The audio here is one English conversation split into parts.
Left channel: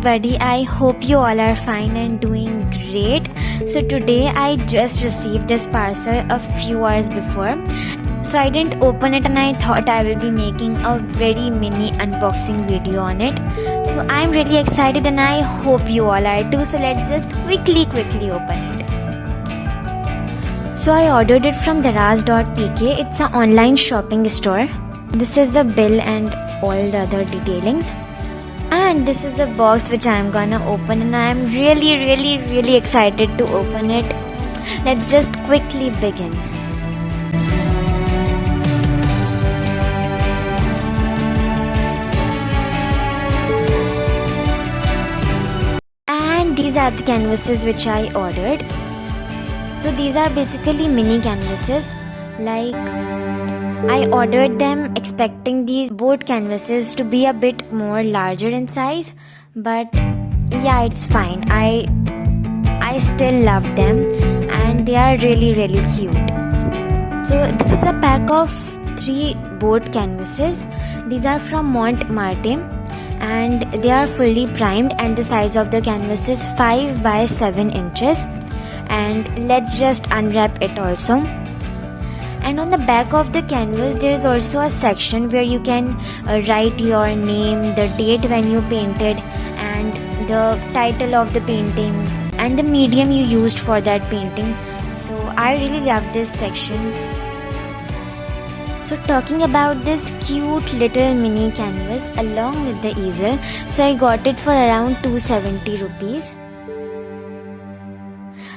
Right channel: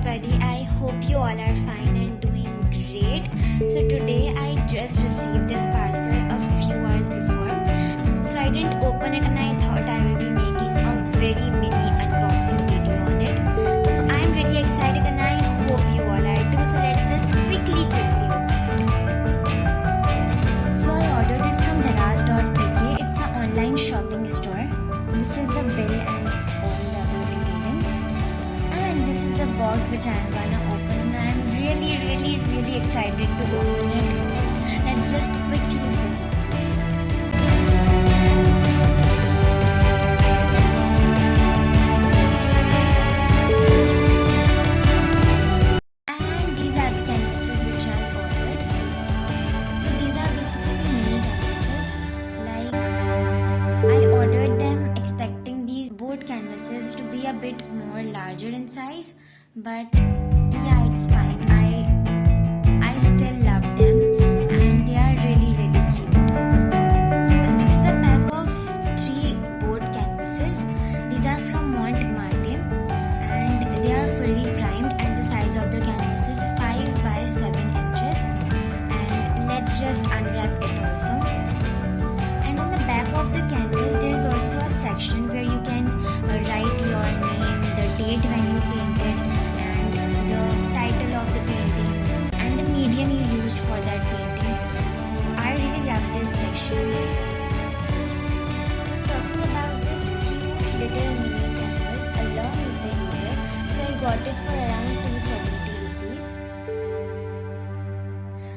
everybody, I hope you all are fine and doing great. So today I just received this parcel a few hours before. So I didn't open it and I thought I will be making a very mini unboxing video on it. So I'm really excited and I hope you all are too. So let's just quickly open it. So I ordered it from daraz.pk. It's an online shopping store. This is the bill and all the other detailings. And this is the box which I'm gonna open and I'm really excited to open it. Let's just quickly begin. And these are the canvases which I ordered. So these are basically mini canvases. Like, I ordered them expecting these board canvases to be a bit more larger in size, but yeah, it's fine. I still love them and they are really cute. So this is a pack of 3 board canvases. These are from marte and they are fully primed and the size of the canvas is 5 by 7 inches. And let's just unwrap it also. And on the back of the canvas there is also a section where you can write your name, the date when you painted, and the title of the painting and the medium you used for that painting. So I really love this section. So talking about this cute little mini canvas along with the easel, so I got it for around 270 rupees.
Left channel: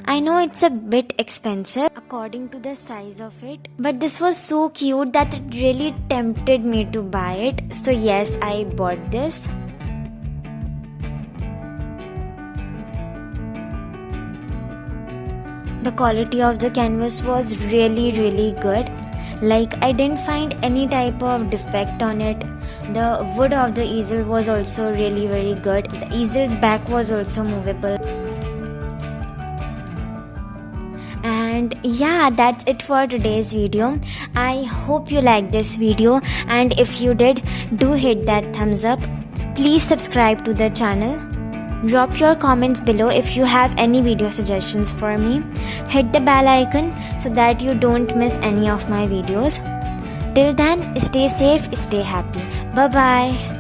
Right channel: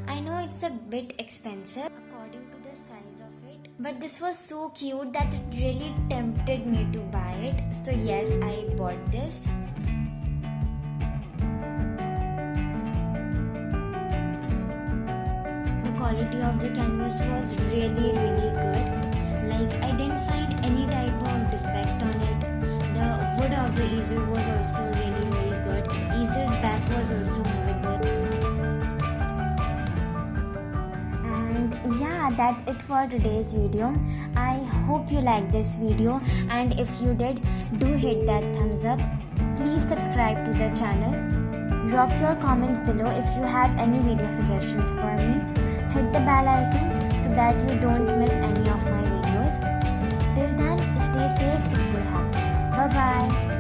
I know it's a bit expensive according to the size of it, but this was so cute that it really tempted me to buy it. So yes, I bought this. The quality of the canvas was really good. Like, I didn't find any type of defect on it. The wood of the easel was also really very good. The easel's back was also movable. And yeah, that's it for today's video. I hope you liked this video, and if you did, do hit that thumbs up. Please subscribe to the channel. Drop your comments below if you have any video suggestions for me. Hit the bell icon so that you don't miss any of my videos. Till then, stay safe, stay happy. Bye bye.